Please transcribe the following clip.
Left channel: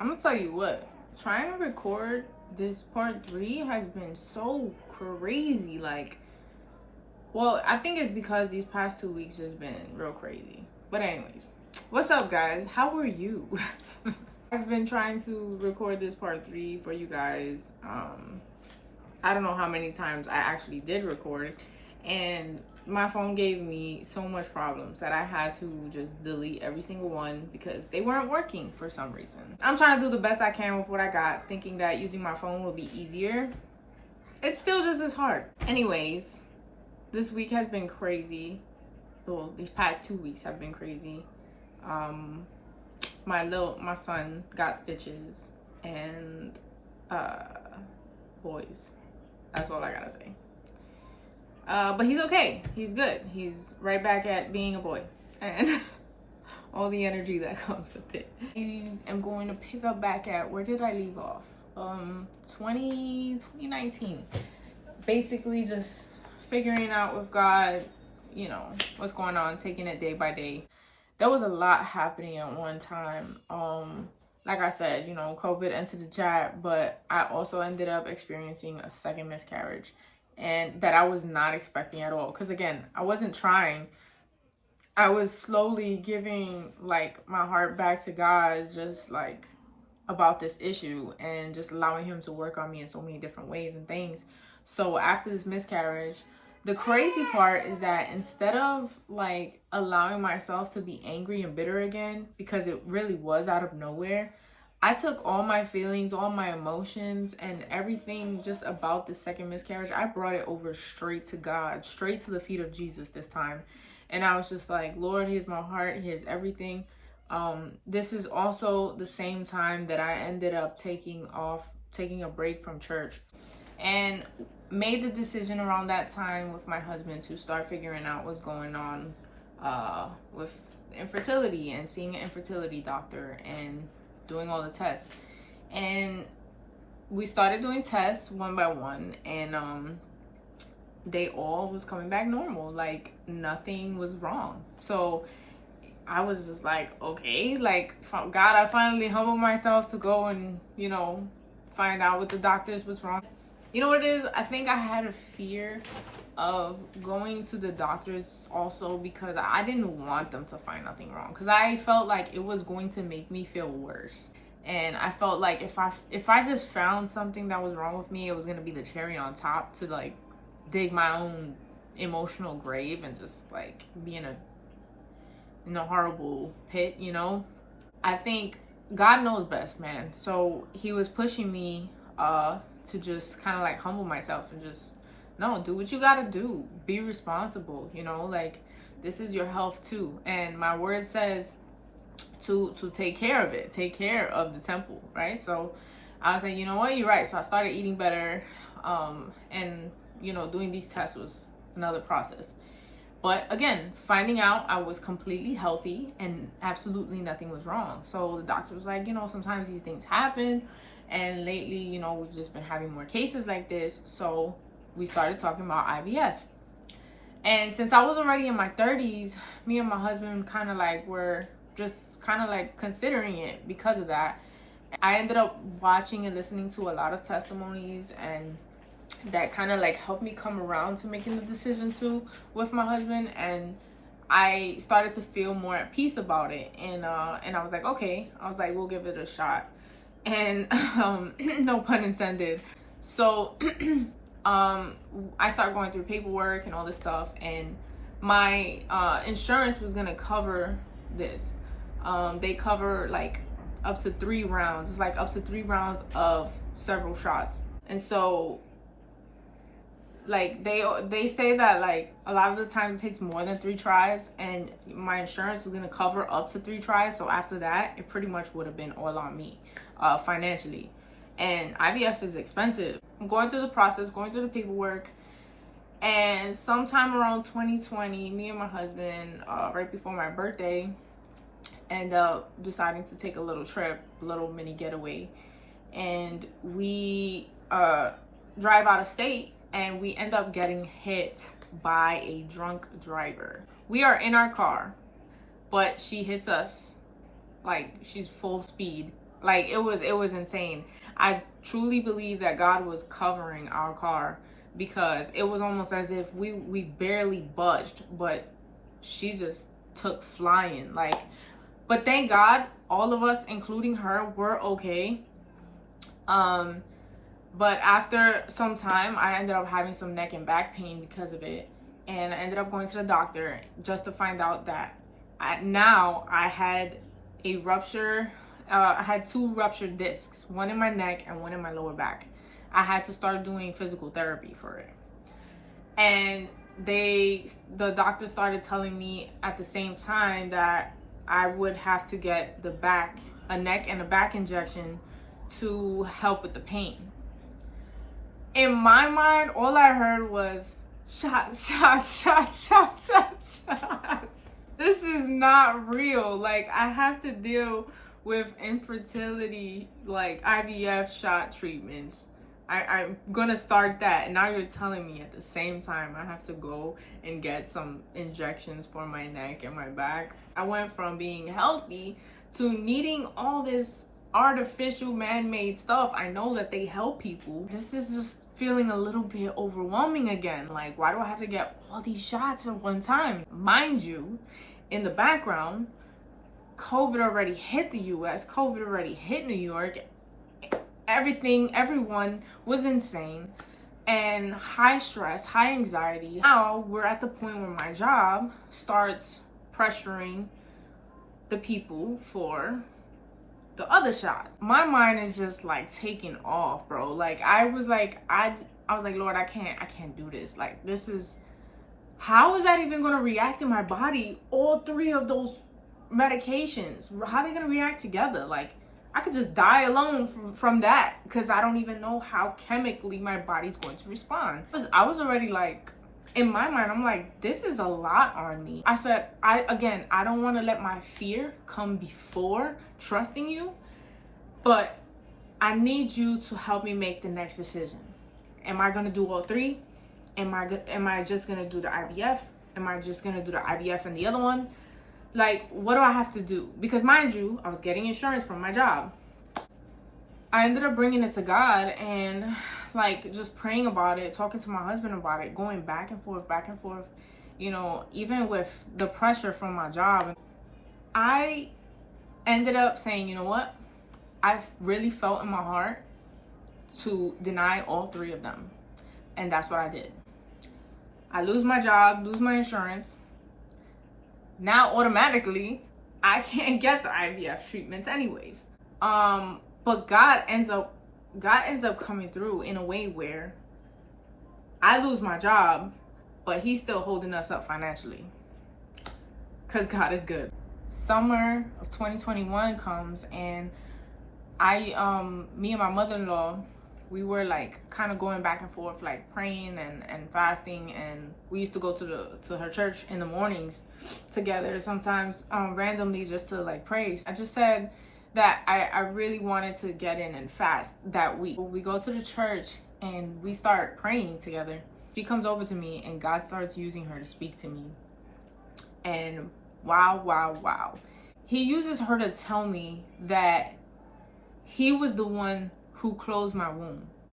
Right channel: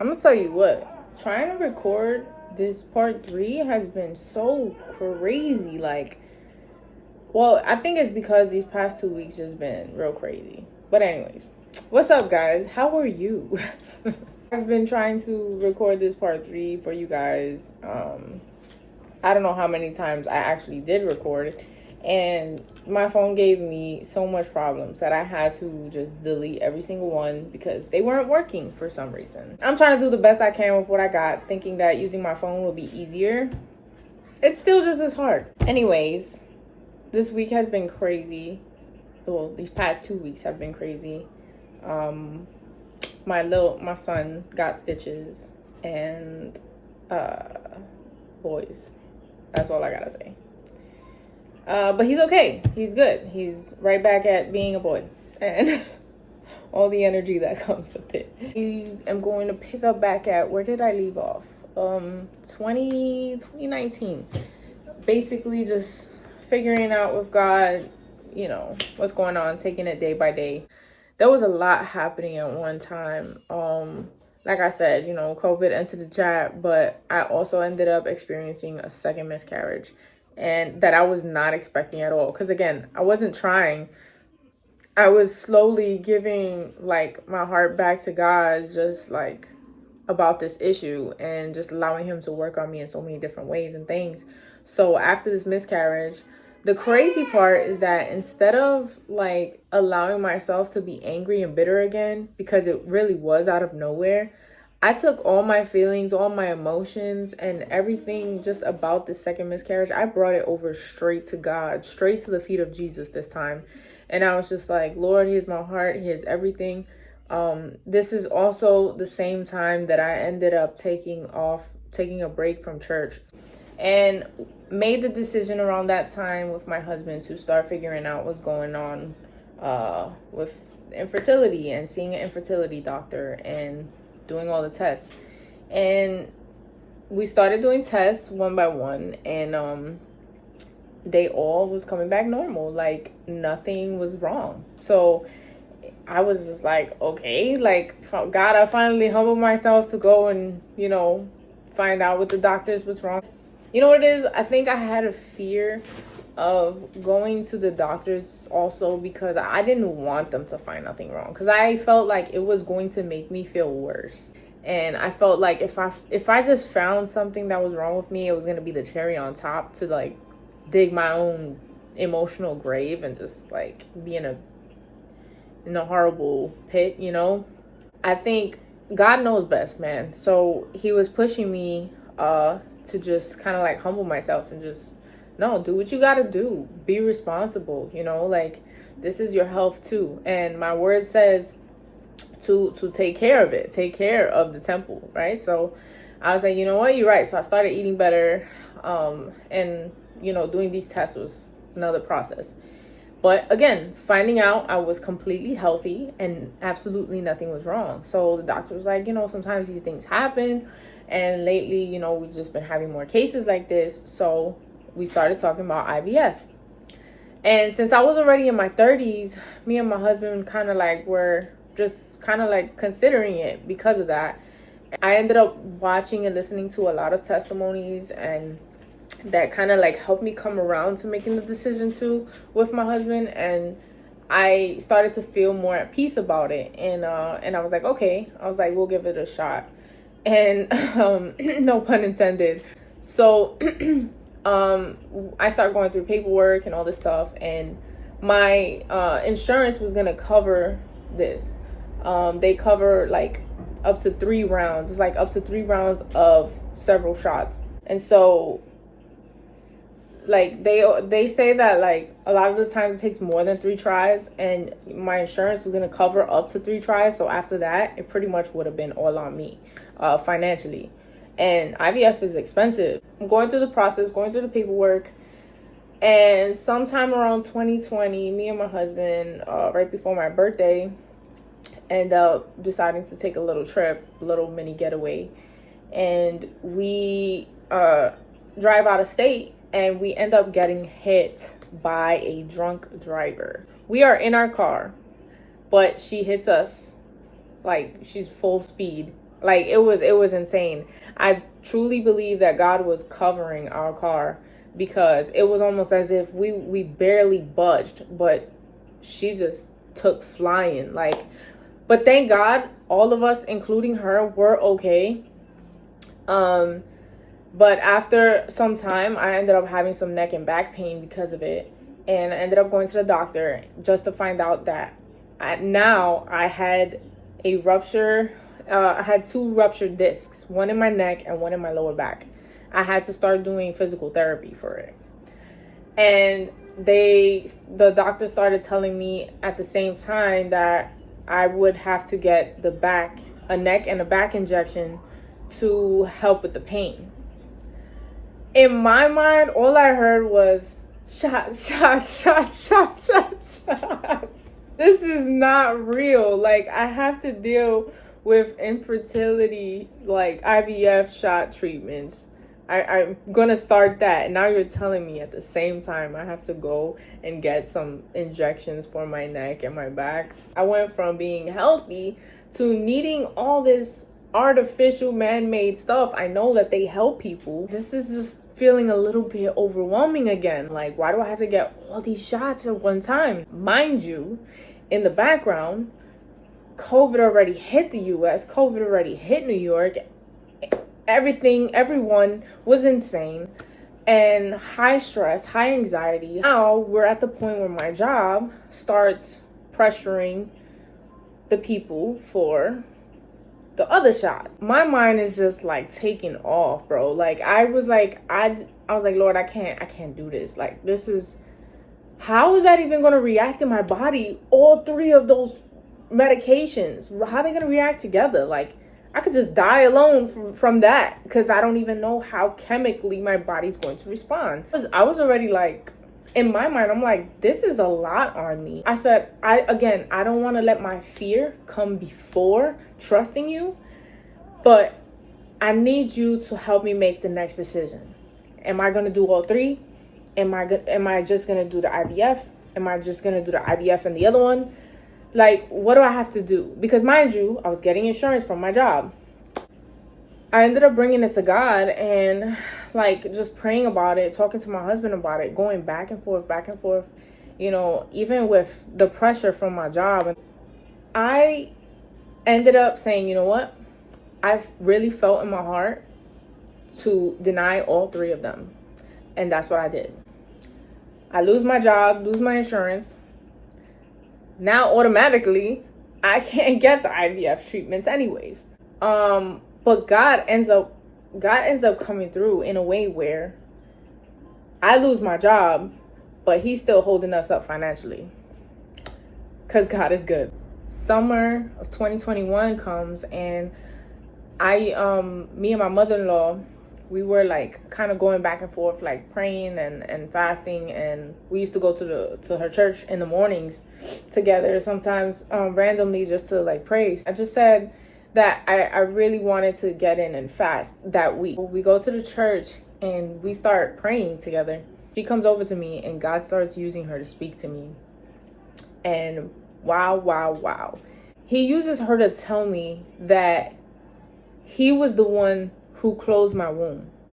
I'm gonna tell you what, trying to record this part three has been so crazy. Well, I think it's because these past 2 weeks has been real crazy. But anyways, what's up, guys? How are you? I've been trying to record this part three for you guys. I don't know how many times I actually did record, and my phone gave me so much problems that I had to just delete every single one because they weren't working for some reason. I'm trying to do the best I can with what I got, thinking that using my phone will be easier. It's still just as hard. Anyways, this week has been crazy. Well, these past 2 weeks have been crazy. My son got stitches, and boys. That's all I gotta say. But he's okay. He's good. He's right back at being a boy. And all the energy that comes with it. I am going to pick up back at, where did I leave off? 2019. Basically just figuring out with God, what's going on, taking it day by day. There was a lot happening at one time. Like I said, COVID entered the chat, but I also ended up experiencing a second miscarriage, and that I was not expecting at all. Because again, I wasn't trying. I was slowly giving my heart back to God, just about this issue, and just allowing him to work on me in so many different ways and things. So after this miscarriage, the crazy part is that instead of allowing myself to be angry and bitter again, because it really was out of nowhere, I took all my feelings, all my emotions, and everything just about the second miscarriage. I brought it over straight to God, straight to the feet of Jesus this time. And I was just like, Lord, here's my heart, here's everything. This is also the same time that I ended up taking a break from church, and made the decision around that time with my husband to start figuring out what's going on with infertility, and seeing an infertility doctor and doing all the tests. And we started doing tests one by one, and they all was coming back normal. Nothing was wrong. So I was just like, okay, God, I finally humbled myself to go and, find out with the doctors what's wrong. You know what it is? I think I had a fear of going to the doctors also because I didn't want them to find nothing wrong, because I felt like it was going to make me feel worse. And I felt like if I just found something that was wrong with me, it was going to be the cherry on top to dig my own emotional grave and just be in a horrible pit, I think God knows best, man. So he was pushing me to just kind of humble myself and just, no, do what you gotta do. Be responsible, this is your health too. And my word says to take care of it, take care of the temple, right? So I was like, you know what, you're right. So I started eating better, and doing these tests was another process. But again, finding out I was completely healthy and absolutely nothing was wrong. So the doctor was like, sometimes these things happen. And lately, we've just been having more cases like this. So we started talking about IVF. And since I was already in my 30s, me and my husband kind of were just kind of considering it because of that. I ended up watching and listening to a lot of testimonies, and that kind of helped me come around to making the decision too with my husband. And I started to feel more at peace about it. And I was like, okay, we'll give it a shot. And no pun intended. So I started going through paperwork and all this stuff, and my insurance was gonna cover this. They cover up to 3 rounds. It's up to 3 rounds of several shots. And so they say that a lot of the times it takes more than 3 tries, and my insurance was going to cover up to 3 tries. So after that, it pretty much would have been all on me financially. And IVF is expensive. I'm going through the process, going through the paperwork, and sometime around 2020, me and my husband, right before my birthday, end up deciding to take a little trip, a little mini getaway. And we drive out of state, and we end up getting hit by a drunk driver. We are in our car, but she hits us she's full speed Like it was insane. I truly believe that God was covering our car, because it was almost as if we barely budged, but she just took flying. Like, but thank God all of us, including her, were okay. But after some time, I ended up having some neck and back pain because of it. And I ended up going to the doctor just to find out that I had a rupture. I had two ruptured discs, one in my neck and one in my lower back. I had to start doing physical therapy for it. And the doctor started telling me at the same time that I would have to get a neck and a back injection to help with the pain. In my mind, all I heard was shot, shot, shot, shot, shot, shot. This is not real. Like, I have to deal with infertility, like IVF shot treatments. I'm gonna start that. And now you're telling me at the same time I have to go and get some injections for my neck and my back. I went from being healthy to needing all this artificial man-made stuff. I know that they help people. This is just feeling a little bit overwhelming again. Like, why do I have to get all these shots at one time? Mind you, in the background, COVID already hit the US, COVID already hit New York. Everyone was insane and high stress, high anxiety. Now we're at the point where my job starts pressuring the people for the other shot. My mind is just like taking off, bro. Like I was like, Lord, I can't do this. Like, this is, how is that even gonna react in my body? All three of those medications, how are they gonna react together? Like, I could just die alone from that, because I don't even know how chemically my body's going to respond. I was already like, in my mind, I'm like, this is a lot on me. I said, I don't want to let my fear come before trusting you, but I need you to help me make the next decision. Am I going to do all three? Am I just going to do the IVF? Am I just going to do the IVF and the other one? Like, what do I have to do? Because mind you, I was getting insurance from my job. I ended up bringing it to God and like just praying about it, talking to my husband about it, going back and forth, you know, even with the pressure from my job. I ended up saying, you know what? I really felt in my heart to deny all three of them. And that's what I did. I lose my job, lose my insurance. Now automatically I can't get the IVF treatments anyways. But God ends up coming through in a way where I lose my job, but he's still holding us up financially, because God is good. Summer of 2021 comes, and me and my mother-in-law, we were like kind of going back and forth, like praying and fasting, and we used to go to her church in the mornings together, sometimes randomly, just to like pray. I just said that I really wanted to get in and fast that week. We go to the church and we start praying together. She comes over to me and God starts using her to speak to me. And wow. He uses her to tell me that he was the one who closed my womb.